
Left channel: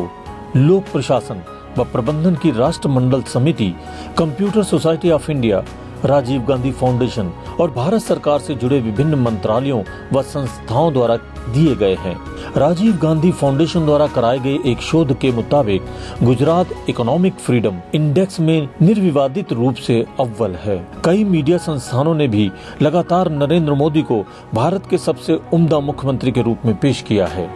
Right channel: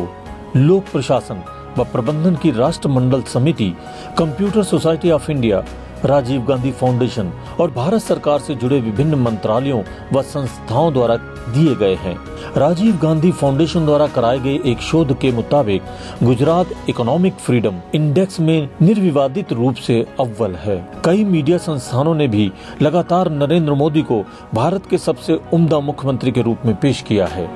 लोक प्रशासन व प्रबंधन की राष्ट्रमंडल समिति, computer society of India, Rajiv Gandhi foundation और भारत सरकार से जुड़े विभिन्न मंत्रालयों व संस्थाओं द्वारा दिए गए हैं। राजीव गांधी फाउंडेशन द्वारा कराए गए एक शोध के मुताबिक गुजरात इकोनॉमिक फ्रीडम इंडेक्स में निर्विवादित रूप से अव्वल है। कई मीडिया संस्थानों ने भी लगातार नरेंद्र मोदी को भारत के सबसे उम्दा मुख्यमंत्री के रूप में पेश किया है।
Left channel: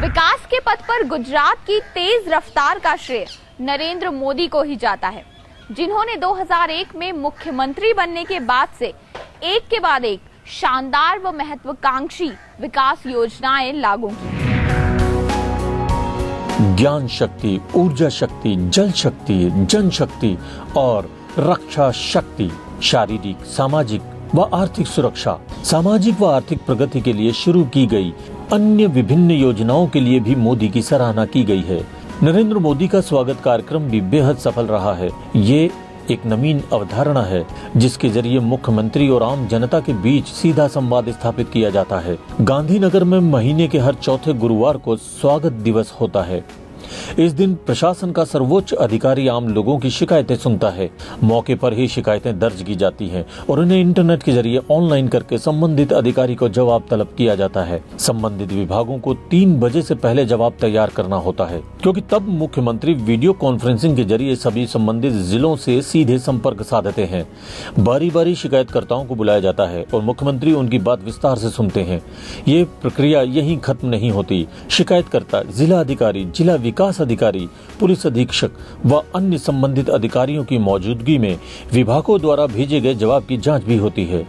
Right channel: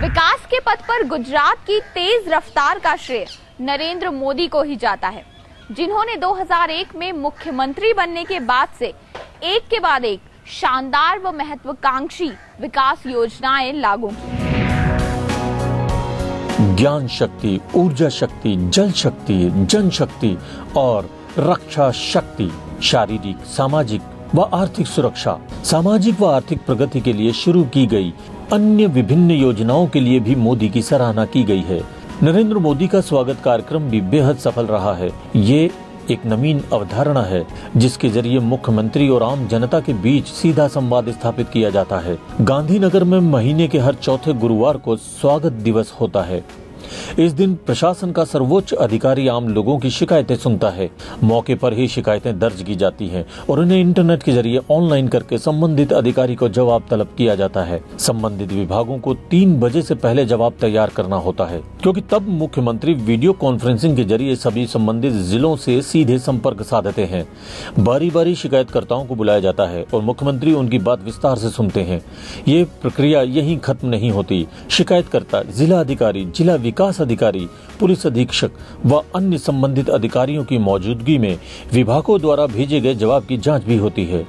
विकास के पथ पर गुजरात की तेज रफ्तार का श्रेय नरेंद्र मोदी को ही जाता है, जिन्होंने 2001 में मुख्यमंत्री बनने के बाद से एक के बाद एक शानदार व महत्वाकांक्षी विकास योजनाएं लागू की। ज्ञान शक्ति, ऊर्जा शक्ति, जल शक्ति, जनशक्ति और रक्षा शक्ति, शारीरिक, सामाजिक व आर्थिक सुरक्षा, सामाजिक व आर्थिक प्रगति के लिए शुरू की गई अन्य विभिन्न योजनाओं के लिए भी मोदी की सराहना की गई है। नरेंद्र मोदी का स्वागत कार्यक्रम भी बेहद सफल रहा है। ये एक नवीन अवधारणा है जिसके जरिए मुख्यमंत्री और आम जनता के बीच सीधा संवाद स्थापित किया जाता है। गांधीनगर में महीने के हर चौथे गुरुवार को स्वागत दिवस होता है। इस दिन प्रशासन का सर्वोच्च अधिकारी आम लोगों की शिकायतें सुनता है। मौके पर ही शिकायतें दर्ज की जाती हैं और उन्हें इंटरनेट के जरिए ऑनलाइन करके संबंधित अधिकारी को जवाब तलब किया जाता है। संबंधित विभागों को 3 बजे से पहले जवाब तैयार करना होता है, क्योंकि तब मुख्यमंत्री वीडियो कॉन्फ्रेंसिंग के जरिए सभी संबंधित जिलों से सीधे संपर्क साधते हैं। बारी बारी शिकायतकर्ताओं को बुलाया जाता है और मुख्यमंत्री उनकी बात विस्तार से सुनते हैं। ये प्रक्रिया यहीं खत्म नहीं होती। शिकायतकर्ता जिला अधिकारी, जिला विकास अधिकारी, पुलिस अधीक्षक व अन्य संबंधित अधिकारियों की मौजूदगी में विभागों द्वारा भेजे गए जवाब की जांच भी होती है।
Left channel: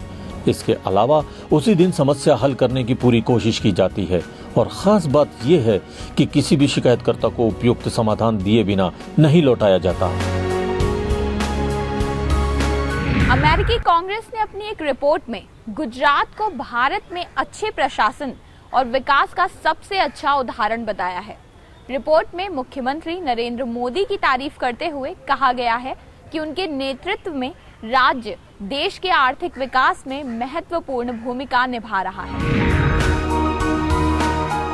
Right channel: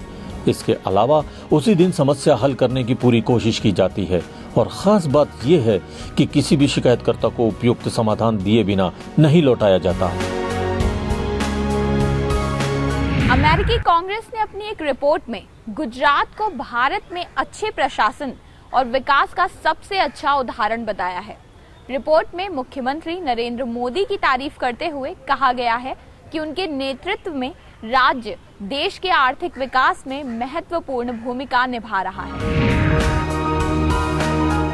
इसके अलावा उसी दिन समस्या हल करने की पूरी कोशिश की जाती है और खास बात यह है कि किसी भी शिकायतकर्ता को उपयुक्त समाधान दिए बिना नहीं लौटाया जाता। अमेरिकी कांग्रेस ने अपनी एक रिपोर्ट में गुजरात को भारत में अच्छे प्रशासन और विकास का सबसे अच्छा उदाहरण बताया है। रिपोर्ट में मुख्यमंत्री नरेंद्र मोदी की तारीफ करते हुए कहा गया है कि उनके नेतृत्व में राज्य देश के आर्थिक विकास में महत्वपूर्ण भूमिका निभा रहा है।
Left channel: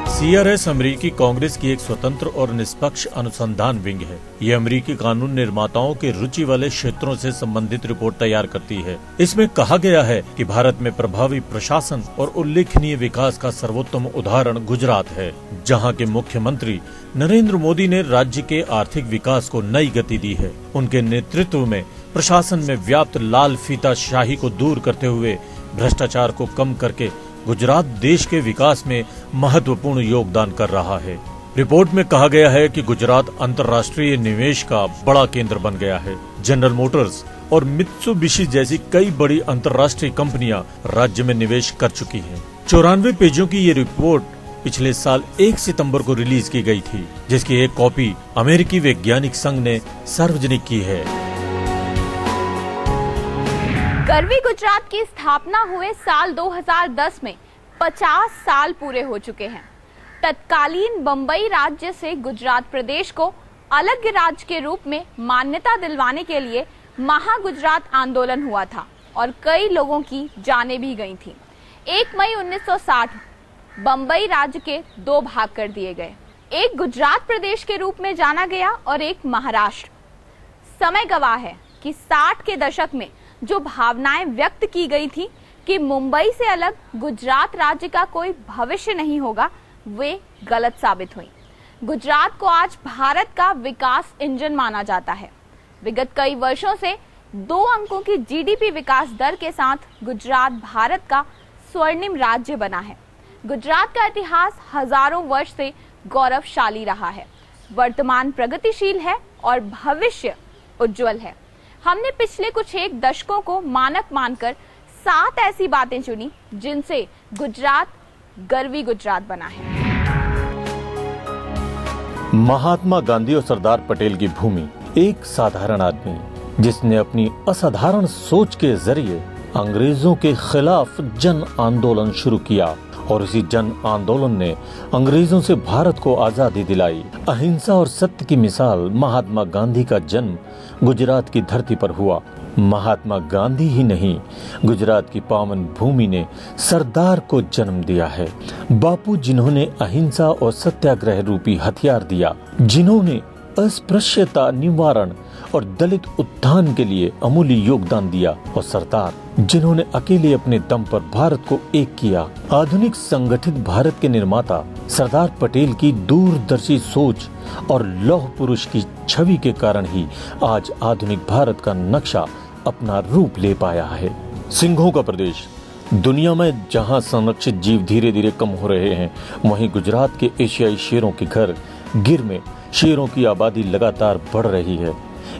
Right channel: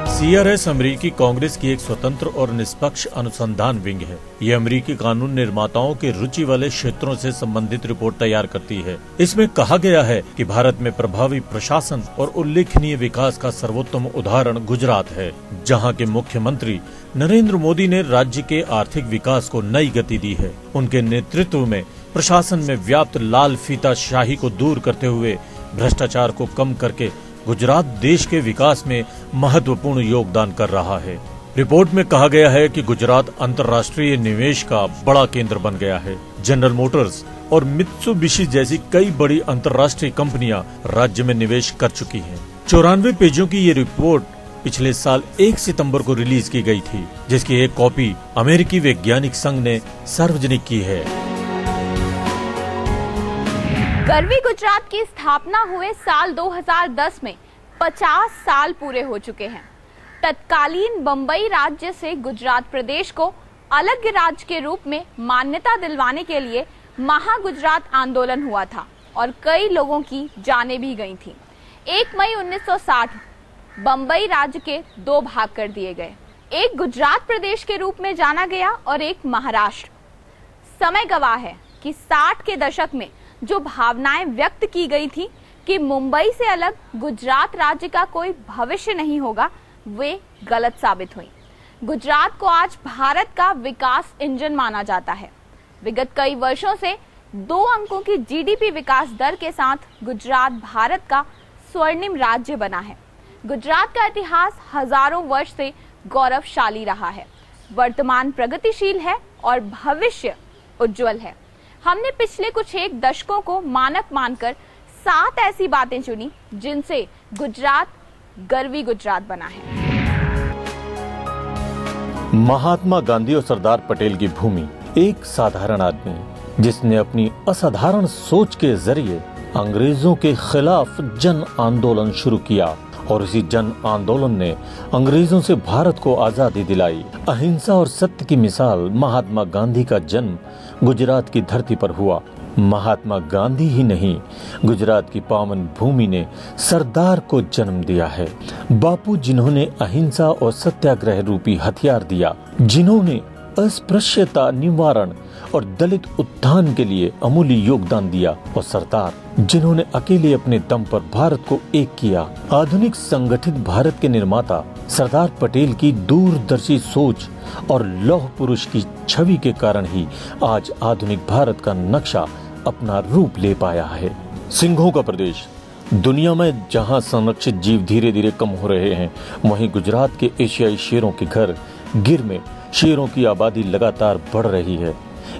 CRS अमेरिकी कांग्रेस की एक स्वतंत्र और निष्पक्ष अनुसंधान विंग है। ये अमेरिकी कानून निर्माताओं के रुचि वाले क्षेत्रों से संबंधित रिपोर्ट तैयार करती है। इसमें कहा गया है कि भारत में प्रभावी प्रशासन और उल्लेखनीय विकास का सर्वोत्तम उदाहरण गुजरात है, जहां के मुख्यमंत्री नरेंद्र मोदी ने राज्य के आर्थिक विकास को नई गति दी है। उनके नेतृत्व में प्रशासन में व्याप्त लाल फीता शाही को दूर करते हुए भ्रष्टाचार को कम करके गुजरात देश के विकास में महत्वपूर्ण योगदान कर रहा है। रिपोर्ट में कहा गया है कि गुजरात अंतर्राष्ट्रीय निवेश का बड़ा केंद्र बन गया है। जनरल मोटर्स और मित्सुबिशी जैसी कई बड़ी अंतर्राष्ट्रीय कंपनियां राज्य में निवेश कर चुकी हैं। 94 पेजों की ये रिपोर्ट पिछले साल 1 सितंबर को रिलीज की गई थी, जिसकी एक कॉपी अमेरिकी वैज्ञानिक संघ ने सार्वजनिक की है। गरवी गुजरात की स्थापना हुए साल 2010 में 50 साल पूरे हो चुके हैं। तत्कालीन बंबई राज्य से गुजरात प्रदेश को अलग राज्य के रूप में मान्यता दिलवाने के लिए महागुजरात आंदोलन हुआ था और कई लोगों की जानें भी गई थी। 1 मई 1960 बंबई राज्य के 2 भाग कर दिए गए। एक गुजरात प्रदेश के रूप में जाना गया और एक महाराष्ट्र। समय गवाह है कि 60 के दशक में जो भावनाएं व्यक्त की गई थी कि मुंबई से अलग गुजरात राज्य का कोई भविष्य नहीं होगा, वे गलत साबित हुई। गुजरात को आज भारत का विकास इंजन माना जाता है। विगत कई वर्षों से 2 अंकों की जीडीपी विकास दर के साथ गुजरात भारत का स्वर्णिम राज्य बना है। गुजरात का इतिहास हजारों वर्ष से गौरवशाली रहा है, वर्तमान प्रगतिशील है और भविष्य उज्जवल है। हमने पिछले कुछ एक दशकों को मानक मानकर 7 ऐसी बातें चुनी जिनसे गुजरात गर्वी गुजरात बना है। महात्मा गांधी और सरदार पटेल की भूमि, एक साधारण आदमी जिसने अपनी असाधारण सोच के जरिए अंग्रेजों के खिलाफ जन आंदोलन शुरू किया और इसी जन आंदोलन ने अंग्रेजों से भारत को आजादी दिलाई। अहिंसा और सत्य की मिसाल महात्मा गांधी का जन्म गुजरात की धरती पर हुआ। महात्मा गांधी ही नहीं, गुजरात की पावन भूमि ने सरदार को जन्म दिया है। बापू जिन्होंने अहिंसा और सत्याग्रह रूपी हथियार दिया, जिन्होंने अस्पृश्यता निवारण और दलित उत्थान के लिए अमूल्य योगदान दिया, और सरदार जिन्होंने अकेले अपने दम पर भारत को एक किया। आधुनिक संगठित भारत के निर्माता सरदार पटेल की दूरदर्शी सोच और लौह पुरुष की छवि के कारण ही आज आधुनिक भारत का नक्शा अपना रूप ले पाया है। सिंहों का प्रदेश। दुनिया में जहां संरक्षित जीव धीरे धीरे कम हो रहे हैं, वहीं गुजरात के एशियाई शेरों के घर गिर में शेरों की आबादी लगातार बढ़ रही है।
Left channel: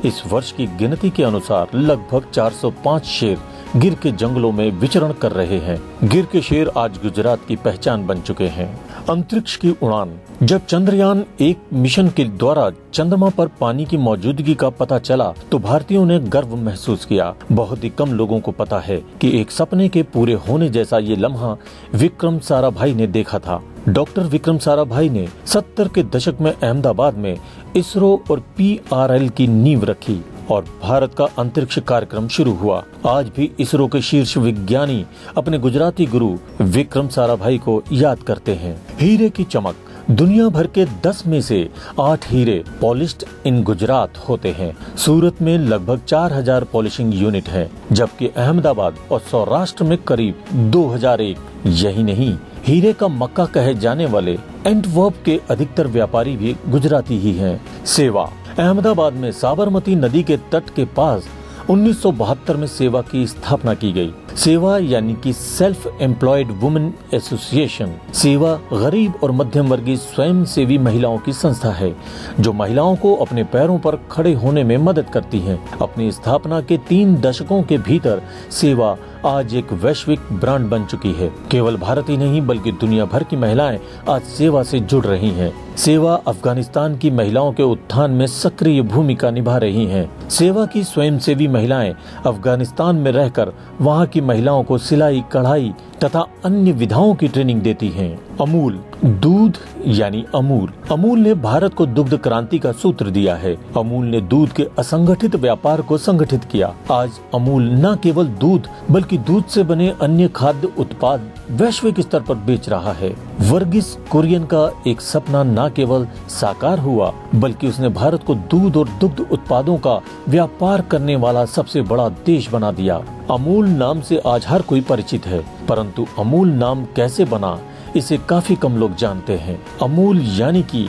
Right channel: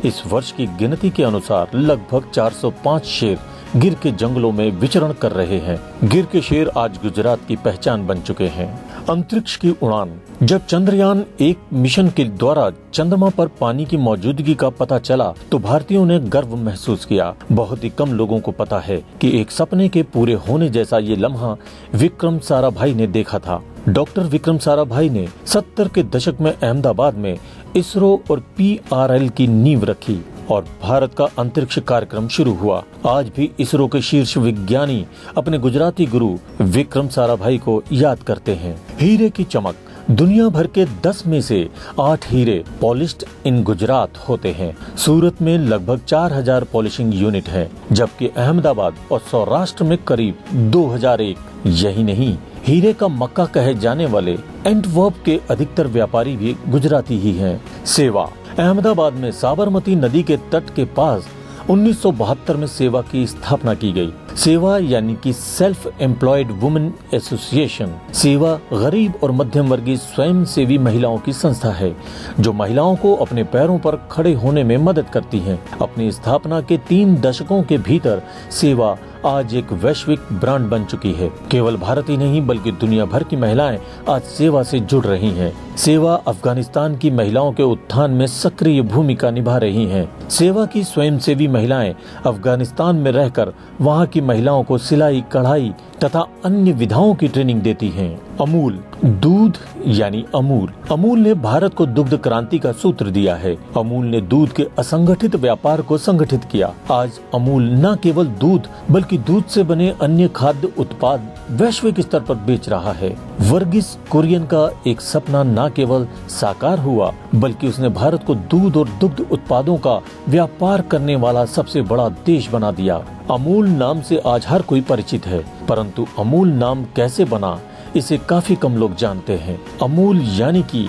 इस वर्ष की गिनती के अनुसार लगभग 405 शेर गिर के जंगलों में विचरण कर रहे हैं। गिर के शेर आज गुजरात की पहचान बन चुके हैं। अंतरिक्ष की उड़ान। जब चंद्रयान 1 मिशन के द्वारा चंद्रमा पर पानी की मौजूदगी का पता चला तो भारतीयों ने गर्व महसूस किया। बहुत ही कम लोगों को पता है कि एक सपने के पूरे होने जैसा ये लम्हा विक्रम साराभाई ने देखा था। डॉक्टर विक्रम साराभाई ने 70 के दशक में अहमदाबाद में इसरो और PRL की नींव रखी और भारत का अंतरिक्ष कार्यक्रम शुरू हुआ। आज भी इसरो के शीर्ष विज्ञानी अपने गुजराती गुरु विक्रम साराभाई को याद करते हैं। हीरे की चमक। दुनिया भर के 10 में से 8 हीरे पॉलिश्ड इन गुजरात होते हैं। सूरत में लगभग 4000 पॉलिशिंग यूनिट हैं, जबकि अहमदाबाद और सौराष्ट्र में करीब 2001। यही नहीं, हीरे का मक्का कहे जाने वाले एंटवर्प के अधिकतर व्यापारी भी गुजराती ही हैं। सेवा। अहमदाबाद में साबरमती नदी के तट के पास 1972 में सेवा की स्थापना की गई। सेवा यानी कि सेल्फ एम्प्लॉयड वुमेन एसोसिएशन। सेवा गरीब और मध्यम वर्गीय स्वयं सेवी महिलाओं की संस्था है जो महिलाओं को अपने पैरों पर खड़े होने में मदद करती हैं। अपनी स्थापना के 3 दशकों के भीतर सेवा आज एक वैश्विक ब्रांड बन चुकी है। केवल भारत ही नहीं बल्कि दुनिया भर की महिलाएं आज सेवा से जुड़ रही हैं। सेवा अफगानिस्तान की महिलाओं के उत्थान में सक्रिय भूमिका निभा रही हैं। सेवा की स्वयंसेवी महिलाएं अफगानिस्तान में रहकर वहां की महिलाओं को सिलाई, कढ़ाई तथा अन्य विधाओं की ट्रेनिंग देती हैं। अमूल। दूध यानी अमूल। अमूल ने भारत को दुग्ध क्रांति का सूत्र दिया है। अमूल ने दूध के असंगठित व्यापार को संगठित किया। आज अमूल न केवल दूध बल्कि दूध से बने अन्य खाद्य उत्पाद वैश्विक स्तर पर बेच रहा है। वर्गीस कुरियन का एक सपना न केवल साकार हुआ बल्कि उसने भारत को दूध और दुग्ध उत्पादों का व्यापार करने वाला सबसे बड़ा देश बना दिया। अमूल नाम से आज हर कोई परिचित है, परंतु अमूल नाम कैसे बना इसे काफी कम लोग जानते हैं। अमूल यानी कि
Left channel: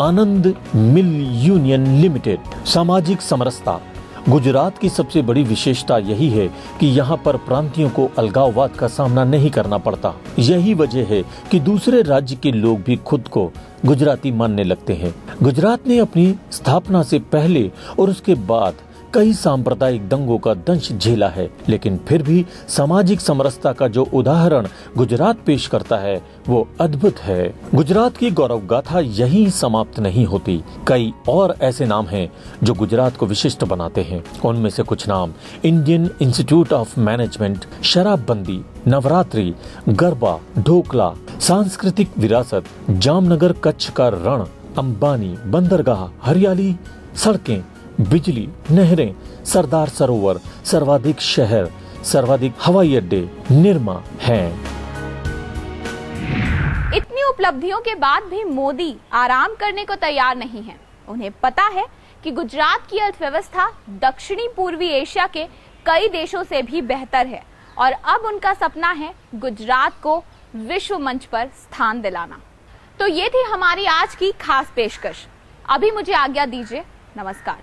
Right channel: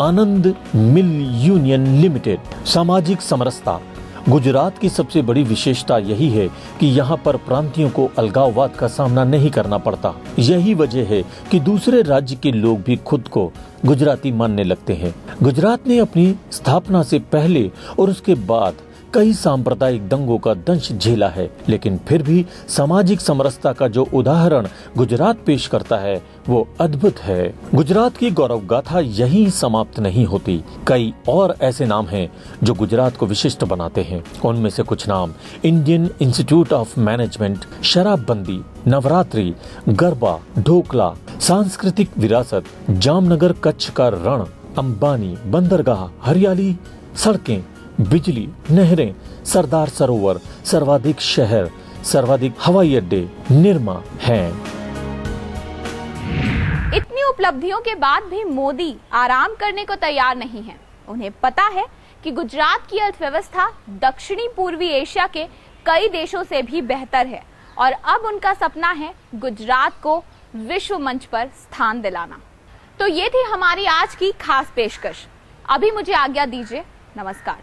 आनंद मिल यूनियन लिमिटेड। सामाजिक समरसता। गुजरात की सबसे बड़ी विशेषता यही है कि यहाँ पर प्रांतियों को अलगाववाद का सामना नहीं करना पड़ता। यही वजह है कि दूसरे राज्य के लोग भी खुद को गुजराती मानने लगते हैं। गुजरात ने अपनी स्थापना से पहले और उसके बाद कई सांप्रदायिक दंगों का दंश झेला है, लेकिन फिर भी सामाजिक समरसता का जो उदाहरण गुजरात पेश करता है वो अद्भुत है। गुजरात की गौरव गाथा यहीं समाप्त नहीं होती। कई और ऐसे नाम हैं जो गुजरात को विशिष्ट बनाते हैं। उनमें से कुछ नाम इंडियन इंस्टीट्यूट ऑफ मैनेजमेंट, शराबबंदी, नवरात्रि, गरबा, ढोकला, सांस्कृतिक विरासत, जामनगर कच्छ का रण, अंबानी, बंदरगाह, हरियाली, सड़कें, बिजली, नहरें, सरदार सरोवर, सर्वाधिक शहर, सर्वाधिक हवाई अड्डे, निर्मा हैं। इतनी उपलब्धियों के बाद भी मोदी आराम करने को तैयार नहीं है। उन्हें पता है कि गुजरात की अर्थव्यवस्था दक्षिणी पूर्वी एशिया के कई देशों से भी बेहतर है और अब उनका सपना है गुजरात को विश्व मंच पर स्थान दिलाना। तो ये थी हमारी आज की खास पेशकश। अभी मुझे आज्ञा दीजिए। नमस्कार।